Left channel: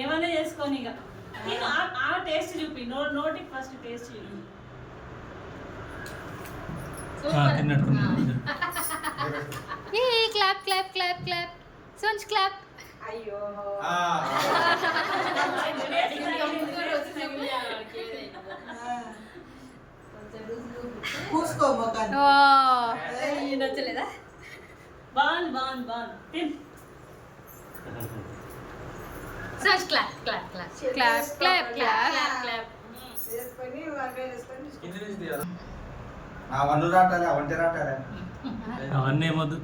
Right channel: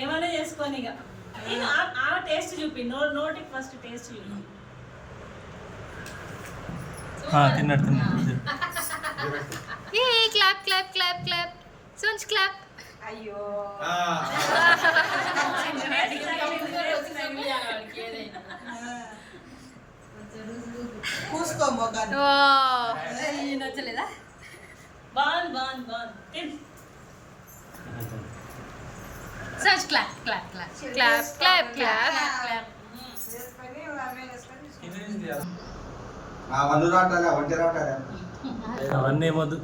ఏమన్నా చేసుకోని ఇక ఆ టేస్ట్ చూపి నోటికి ఫస్ట్ టేస్ట్ చూపి clap clap clap clap sons clap. అయ్యో నచ్చలేదా? బాగుంది sons clap clap clap clap clap clap clap. అవన్నీ ఏమొద్దు.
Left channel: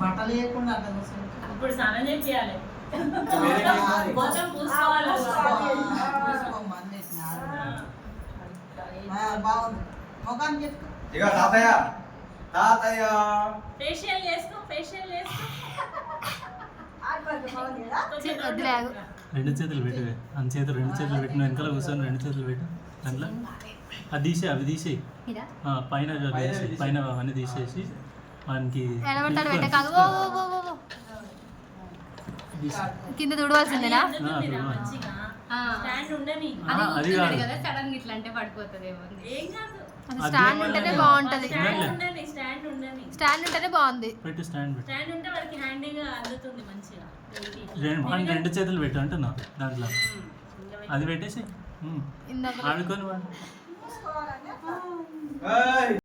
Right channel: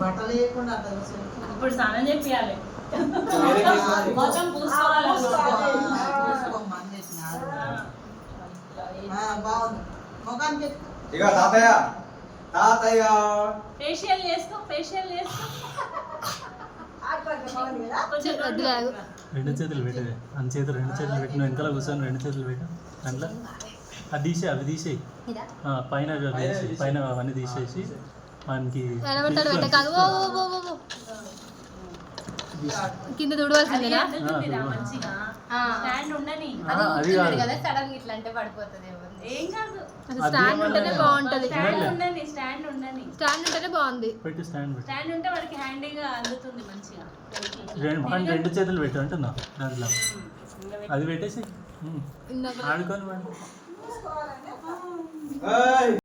బట్టలు వేయకుండా ఇప్పుడు స్నానం చేయాలి మొత్తం పూసుకోవాలి. బాగుంది ముఖానికి ఇక తాతయ్య తాతయ్య ఫేషియల్ చేసుకో రెండు చేతులు పెట్టి మన చేతులు రెండు చేతులు పెట్టిన వెనకాల కూర్చొని రెండు చేతులు పెట్టి దాంట్లో అది తీసే అవి తీసేయి పైన పైన అవన్నీ తీసేసి మనకి కింద తుడవలసిందేనా? స్టాండ్ ఉంటేనే బాగుంటది. స్టాండ్ ఉంటేనే బాగుంది. రెండు చేతులు పెట్టి అంటున్నా దాంట్లో అది పెట్టేసి ఆడుకొని